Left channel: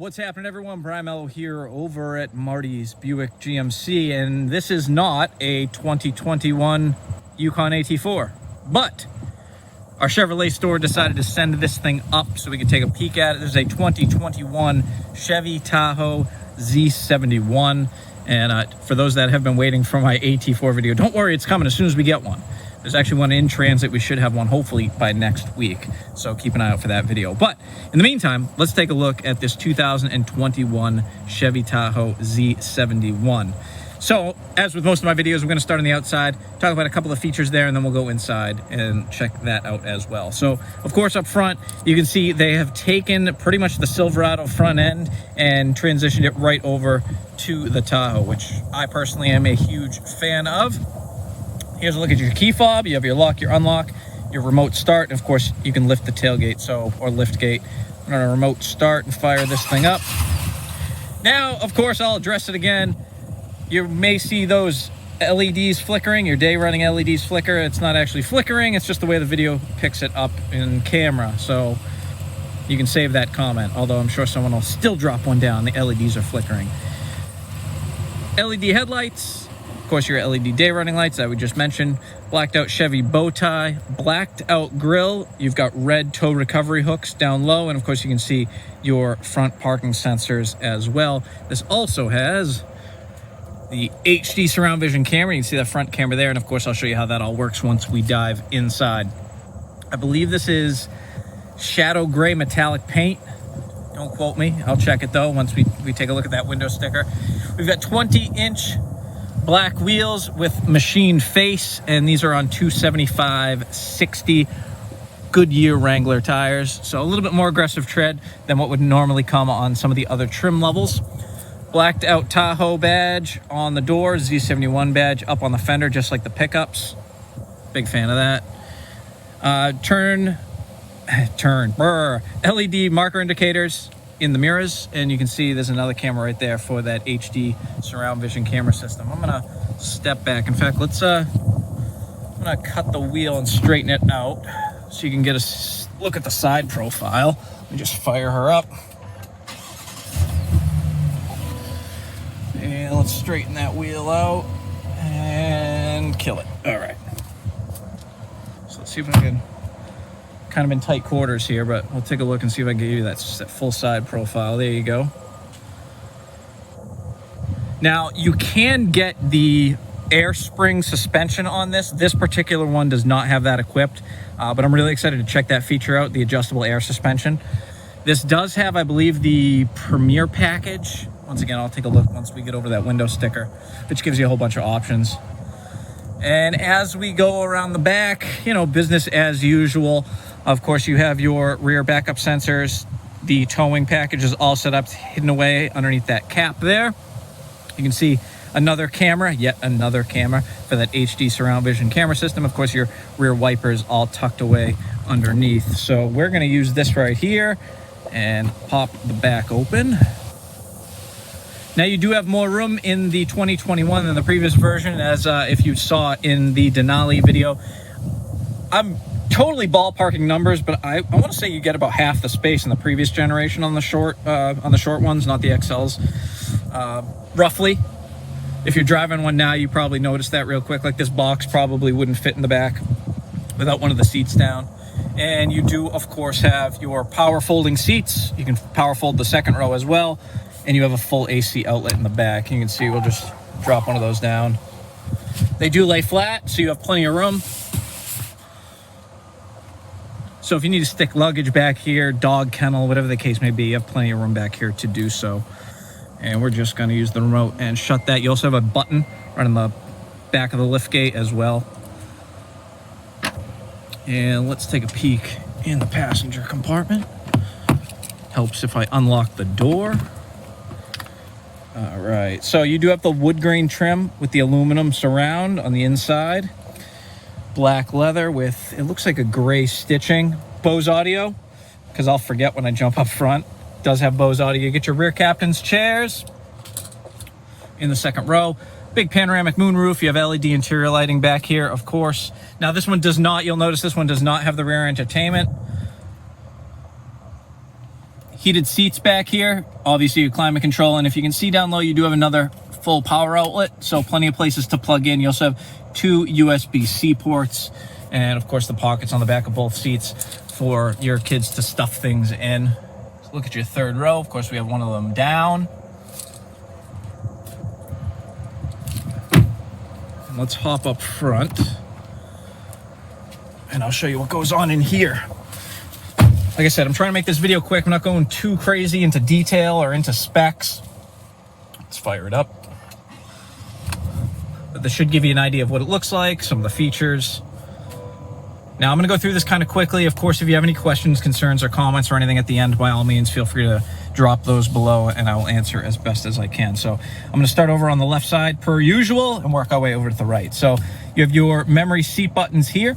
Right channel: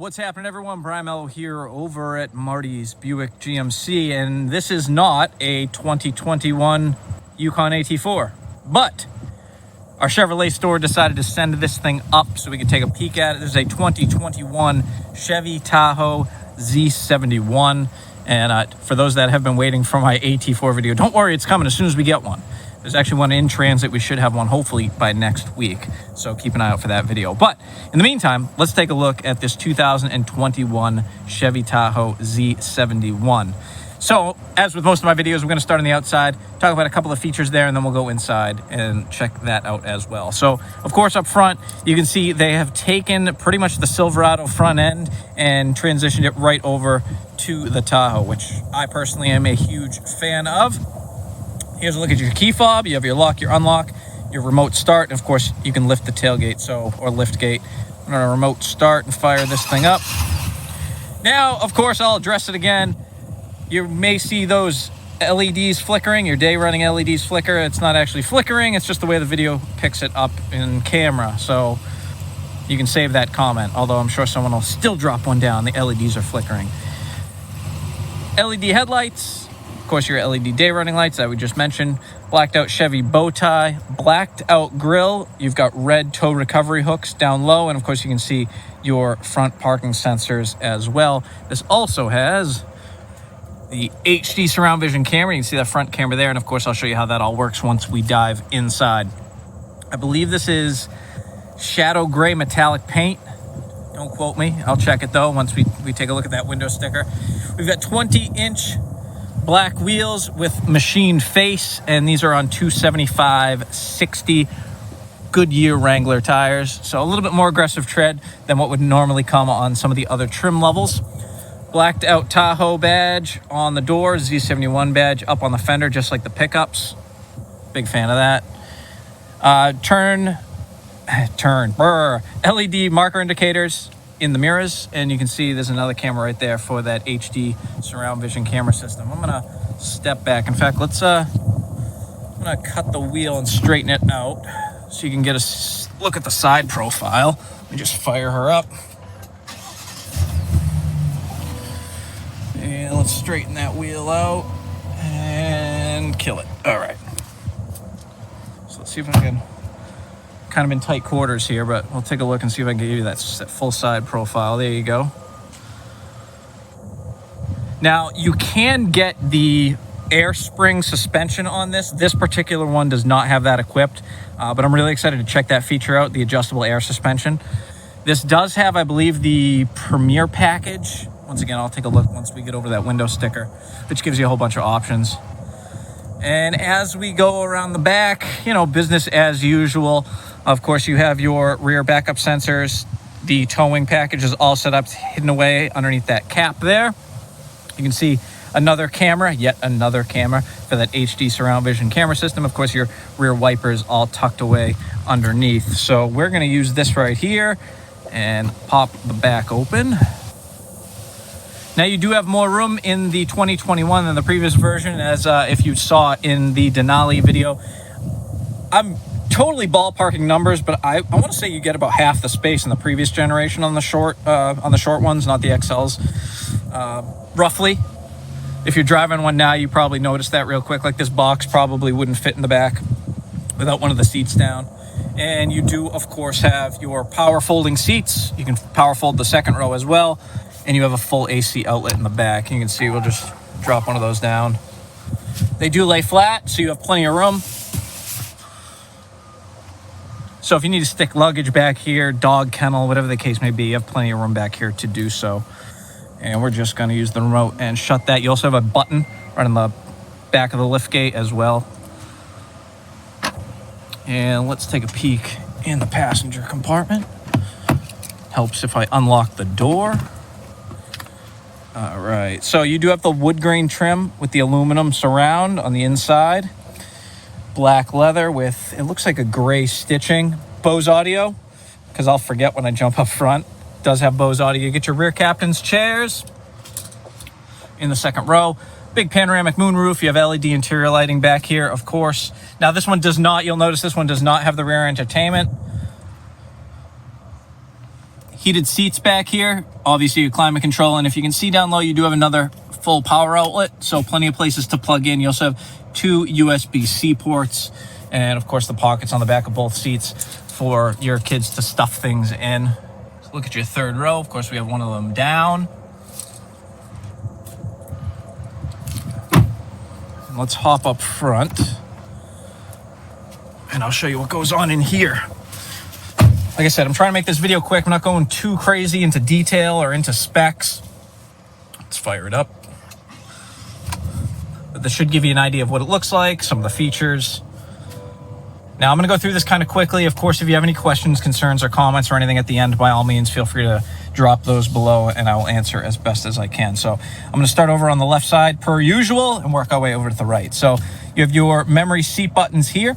What's happening, everyone? Brian Mello here over at Martys Buick GMC, and this is not a 2021 Yukon AT4, but our Chevrolet store decided to send this thing up so we could take a peek at it. This is a 2021 Chevy Tahoe Z71, and for those that have been waiting for my AT4 video, don't worry, it's coming as soon as we get one. There's actually one in transit. We should have one hopefully by next week, so keep an eye out for that video. But in the meantime, let's take a look at this 2021 Chevy Tahoe Z71. So, as with most of my videos, we're going to start on the outside, talk about a couple of features there, and then we'll go inside and check that out as well. So, of course, up front, you can see they have taken pretty much the Silverado front end and transitioned it right over to the Tahoe, which I personally am a huge fan of. Here's a look at your key fob. You have your lock, your unlock, your remote start, and of course you can lift the tailgate, or lift gate. I'm gonna remote start and fire this thing up. Now, of course, I'll address it again. You may see those LEDs flickering, your day running LEDs flicker. It's not actually flickering, it's just the way the video picks it up in camera. So you can save that comment, although I'm sure someone will still drop one down. The LEDs are flickering. LED headlights. Of course, your LED day running lights that we just mentioned, blacked out Chevy bow tie, blacked out grille. You've got red tow recovery hooks down low, and of course you can see your front parking sensors as well. This also has the HD surround vision camera. You can see that front camera there, and of course I'll show you how that all works once we dive inside. I believe this is shadow gray metallic paint. Don't quote me, I'll check it though once we take a look at that window sticker. We've got 20-inch black wheels with machined face, and these are on 275/60 Goodyear Wrangler tires, so a little bit more aggressive tread than what would normally come on some of the other trim levels. Blacked out Tahoe badge on the door, Z71 badge up on the fender, just like the pickups. Big fan of that. LED marker indicators in the mirrors, and you can see there's another camera right there for that HD surround vision camera system. I'm gonna step back. In fact, I'm gonna cut the wheel and straighten it out so you can get a look at the side profile. Let me just fire her up. And let's straighten that wheel out and kill it. All right. So let's see if I can, kind of in tight quarters here, but we'll take a look and see if I can give you that full side profile. There you go. Now, you can get the air spring suspension on this. This particular one does not have that equipped, but I'm really excited to check that feature out, the adjustable air suspension. This does have, I believe, the Premier package. Once again, I'll take a look once we get over that window sticker, which gives you a whole bunch of options. And as we go around the back, you know, business as usual. Of course, you have your rear backup sensors. The towing package is all set up, hidden away underneath that cap there. You can see another camera, yet another camera for that HD surround vision camera system. Of course, your rear wipers all tucked away underneath. So we're going to use this right here and pop the back open. Now, you do have more room in the 2021 than the previous version, as if you saw in the Denali video. I'm totally ballparking numbers, but I want to say you get about half the space in the previous generation on the short ones, not the XLs, roughly. If you're driving one now, you probably noticed that real quick. Like, this box probably wouldn't fit in the back without one of the seats down. And you do, of course, have your power folding seats. You can power fold the second row as well, and you have a full AC outlet in the back. You can see we'll just drop one of those down. They do lay flat, so you have plenty of room. So if you need to stick luggage back here, dog kennel, whatever the case may be, you have plenty of room back here to do so. And we're just going to use the remote and shut that. You also have a button right on the back of the lift gate as well. And let's take a peek in the passenger compartment. Helps if I unlock the door. All right, so you do have the wood grain trim with the aluminum surround on the inside. Black leather with, it looks like a gray stitching. Bose audio, because I'll forget when I jump up front. It does have Bose audio. You get your rear captain's chairs in the second row. Big panoramic moonroof. You have LED interior lighting back here, of course. Now, this one does not, you'll notice this one does not have the rear entertainment. heated seats back here, obviously your climate control, and if you can see down low, you do have another full power outlet, so plenty of places to plug in. You also have 2 USB-C ports, and of course the pockets on the back of both seats for your kids to stuff things in. So look at your third row. Of course, we have one of them down. And let's hop up front, and I'll show you what goes on in here. Like I said, I'm trying to make this video quick. I'm not going too crazy into detail or into specs. Let's fire it up. But this should give you an idea of what it looks like, some of the features. Now, I'm going to go through this kind of quickly. Of course, if you have any questions, concerns, or comments or anything at the end, by all means, feel free to drop those below, and I will answer as best as I can. So I'm going to start over on the left side, per usual, and work our way over to the right. So you have your memory seat buttons here,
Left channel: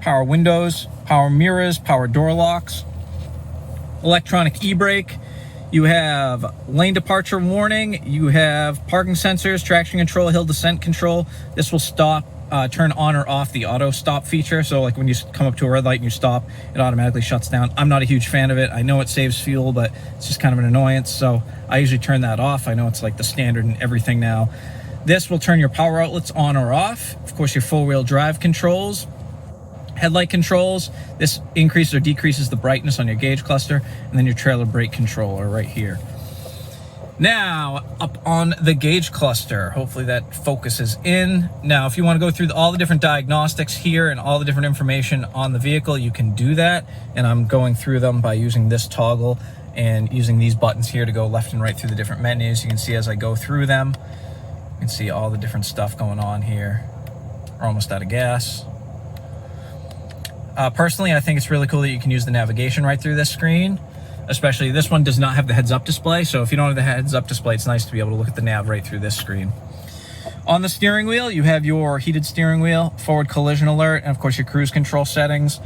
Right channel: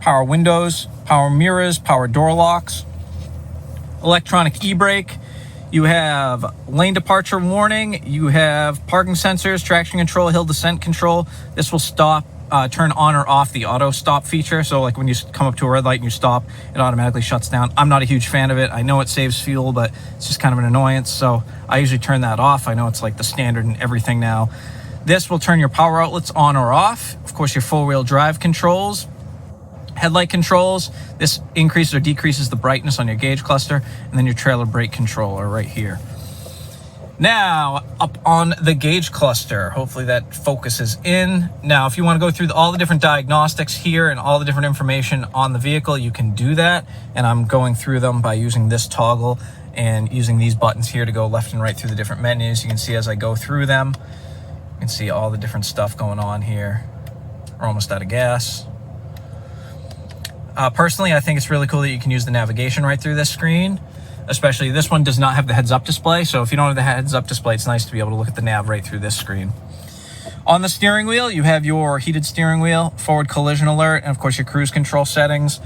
power windows, power mirrors, power door locks, electronic e-brake. You have lane departure warning. You have parking sensors, traction control, hill descent control. This will turn on or off the auto stop feature. So like when you come up to a red light and you stop, it automatically shuts down. I'm not a huge fan of it. I know it saves fuel, but it's just kind of an annoyance. So I usually turn that off. I know it's like the standard in everything now. This will turn your power outlets on or off. Of course, your four-wheel drive controls. Headlight controls, this increases or decreases the brightness on your gauge cluster, and then your trailer brake controller right here. Now, up on the gauge cluster, hopefully that focuses in. Now, if you want to go through all the different diagnostics here and all the different information on the vehicle, you can do that, and I'm going through them by using this toggle and using these buttons here to go left and right through the different menus. You can see as I go through them, you can see all the different stuff going on here. We're almost out of gas. Personally, I think it's really cool that you can use the navigation right through this screen. Especially this one does not have the heads-up display, so if you don't have the heads-up display, it's nice to be able to look at the nav right through this screen. On the steering wheel, you have your heated steering wheel, forward collision alert, and of course your cruise control settings.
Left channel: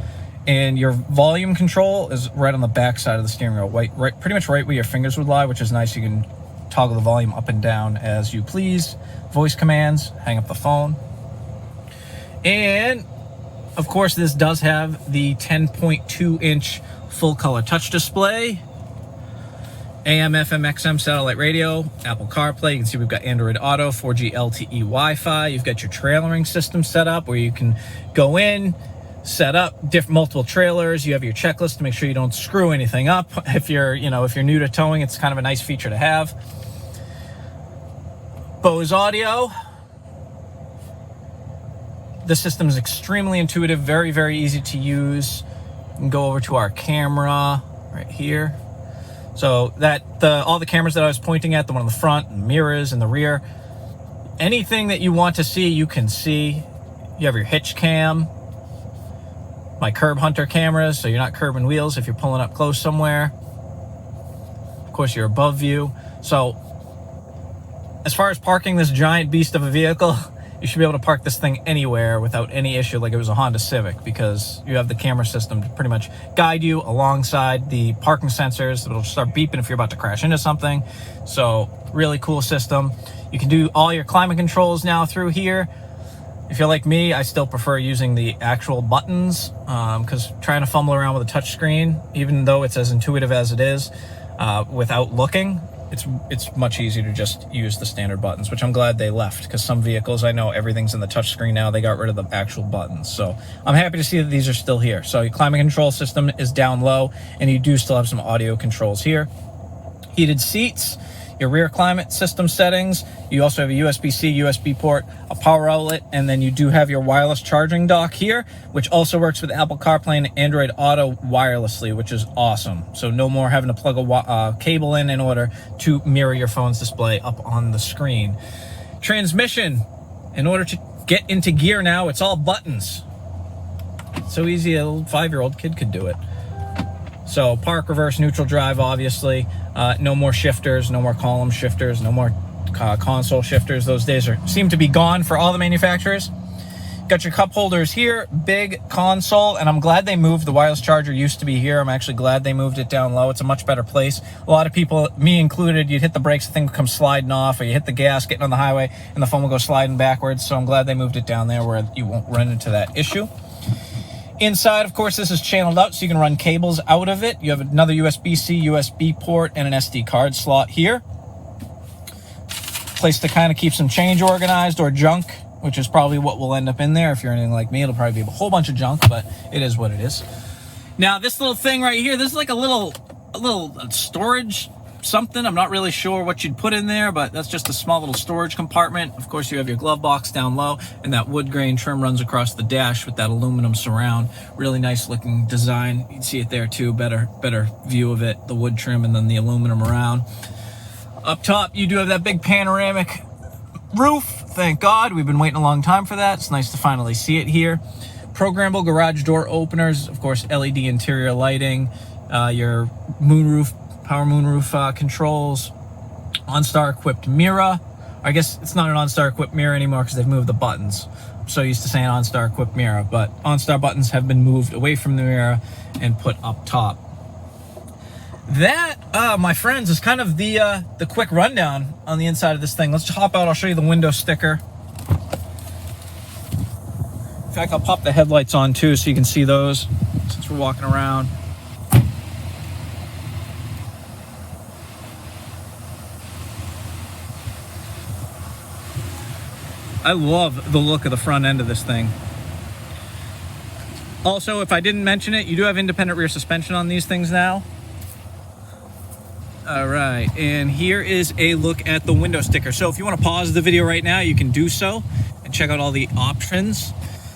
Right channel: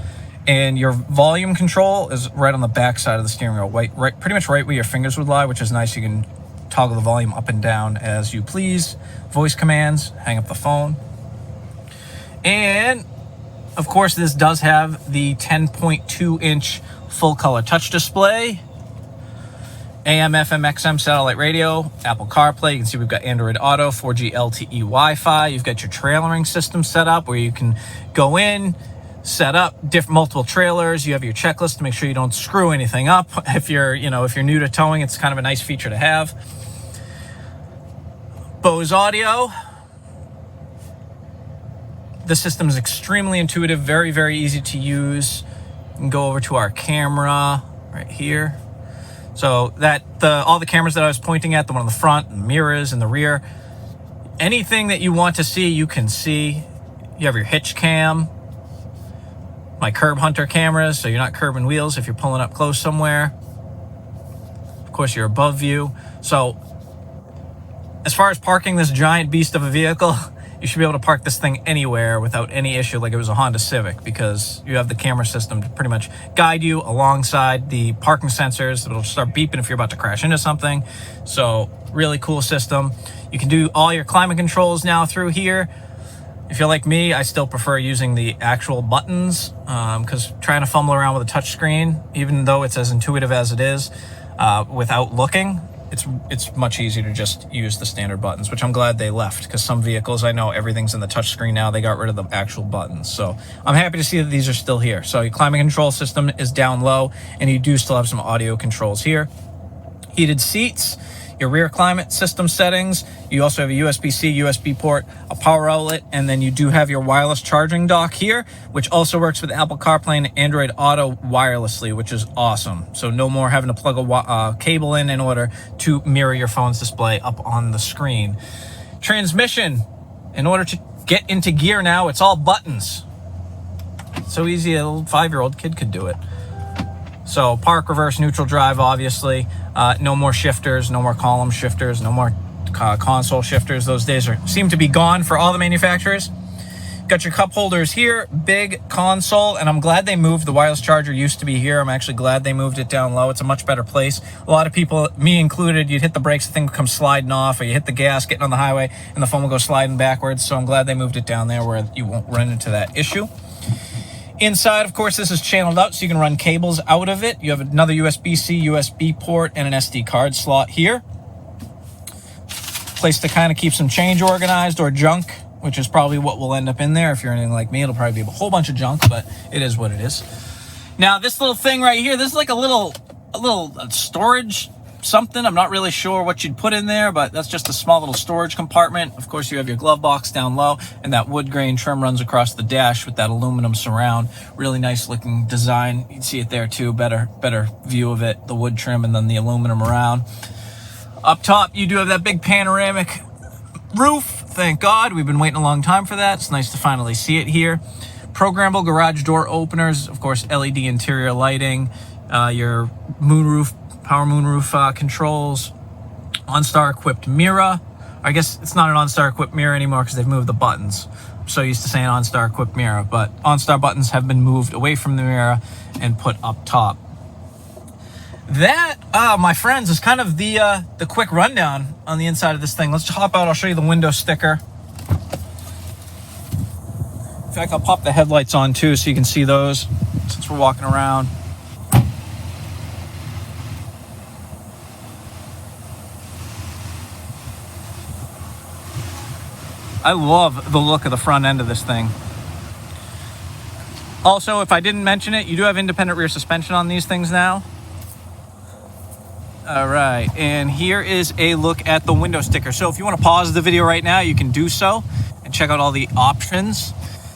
And your volume control is right on the back side of the steering wheel, pretty much right where your fingers would lie, which is nice. You can toggle the volume up and down as you please. Voice commands, hang up the phone. And of course, this does have the 10.2-inch full-color touch display, AM, FM, XM satellite radio, Apple CarPlay. You can see we've got Android Auto, 4G LTE Wi-Fi. You've got your trailering system set up where you can go in, set up multiple trailers. You have your checklist to make sure you don't screw anything up. If you're new to towing, it's kind of a nice feature to have. Bose audio. The system is extremely intuitive, very, very easy to use. You can go over to our camera right here. So all the cameras that I was pointing at, the one on the front, the mirrors, and the rear, anything that you want to see, you can see. You have your hitch cam, my curb hunter cameras, so you're not curbing wheels if you're pulling up close somewhere. Of course, your above view. So as far as parking this giant beast of a vehicle, you should be able to park this thing anywhere without any issue like it was a Honda Civic, because you have the camera system to pretty much guide you alongside the parking sensors. It'll start beeping if you're about to crash into something. So really cool system. You can do all your climate controls now through here. If you're like me, I still prefer using the actual buttons because trying to fumble around with a touch screen, even though it's as intuitive as it is, without looking, it's much easier to just use the standard buttons, which I'm glad they left, because some vehicles, I know everything's in the touch screen now. They got rid of the actual buttons. So I'm happy to see that these are still here. So your climate control system is down low, and you do still have some audio controls here. Heated seats, your rear climate system settings. You also have a USB-C, USB port, a power outlet, and then you do have your wireless charging dock here, which also works with Apple CarPlay and Android Auto wirelessly, which is awesome. So no more having to plug a cable in order to mirror your phone's display up on the screen. Transmission, in order to get into gear now, it's all buttons. So easy, a little 5-year-old kid could do it. So park, reverse, neutral, drive, obviously. No more shifters, no more column shifters, no more console shifters. Those days seem to be gone for all the manufacturers. Got your cup holders here, big console, and I'm glad they moved. The wireless charger used to be here. I'm actually glad they moved it down low. It's a much better place. A lot of people, me included, you'd hit the brakes, the thing would come sliding off, or you hit the gas getting on the highway, and the phone will go sliding backwards. So I'm glad they moved it down there where you won't run into that issue. Inside, of course, this is channeled out, so you can run cables out of it. You have another USB-C, USB port, and an SD card slot here. Place to kind of keep some change organized or junk, which is probably what will end up in there. If you're anything like me, it'll probably be a whole bunch of junk, but it is what it is. Now, this little thing right here, this is like a little storage something. I'm not really sure what you'd put in there, but that's just a small little storage compartment. Of course, you have your glove box down low, and that wood grain trim runs across the dash with that aluminum surround. Really nice looking design. You can see it there too, better view of it, the wood trim and then the aluminum around. Up top, you do have that big panoramic roof. Thank God, we've been waiting a long time for that. It's nice to finally see it here. Programmable garage door openers, of course, LED interior lighting, your moonroof, power moonroof controls, OnStar equipped mirror. I guess it's not an OnStar equipped mirror anymore because they've moved the buttons. I'm so used to saying OnStar equipped mirror, but OnStar buttons have been moved away from the mirror and put up top. That, my friends, is kind of the quick rundown on the inside of this thing. Let's just hop out. I'll show you the window sticker. In fact, I'll pop the headlights on too so you can see those since we're walking around. I love the look of the front end of this thing. Also, if I didn't mention it, you do have independent rear suspension on these things now. All right, and here is a look at the window sticker. So if you want to pause the video right now, you can do so and check out all the options.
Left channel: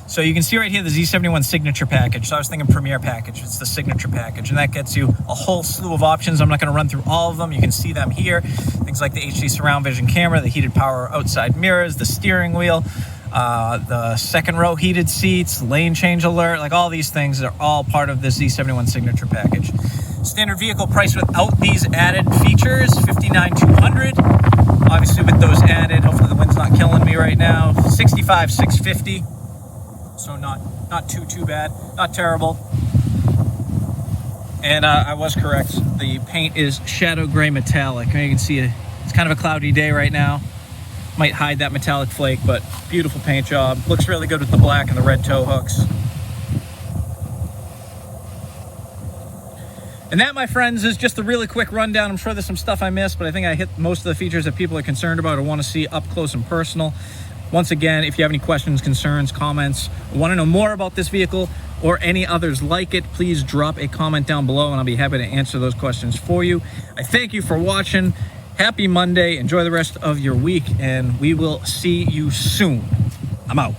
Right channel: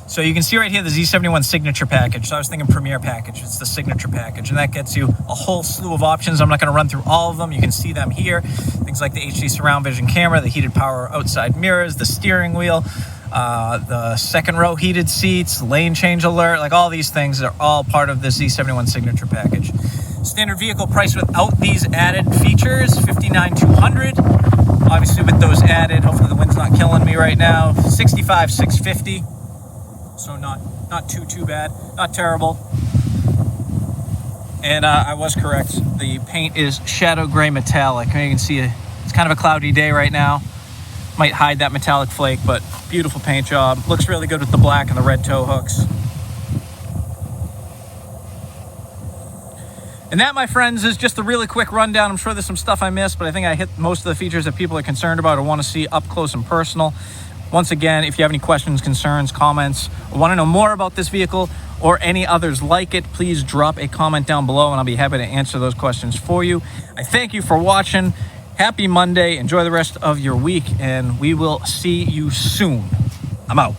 So you can see right here the Z71 signature package. So I was thinking premier package, it's the signature package, and that gets you a whole slew of options. I'm not going to run through all of them. You can see them here. Things like the HD surround vision camera, the heated power outside mirrors, the steering wheel, the second row heated seats, lane change alert, like all these things are all part of the Z71 signature package. Standard vehicle price without these added features, $59,200. Obviously with those added, hopefully the wind's not killing me right now, $65,650. So not too bad, not terrible. And I was correct. The paint is shadow gray metallic. Now you can see it's kind of a cloudy day right now. Might hide that metallic flake, but beautiful paint job. Looks really good with the black and the red tow hooks. And that, my friends, is just a really quick rundown. I'm sure there's some stuff I missed, but I think I hit most of the features that people are concerned about or want to see up close and personal. Once again, if you have any questions, concerns, comments, or want to know more about this vehicle or any others like it, please drop a comment down below and I'll be happy to answer those questions for you. I thank you for watching. Happy Monday. Enjoy the rest of your week, and we will see you soon. I'm out.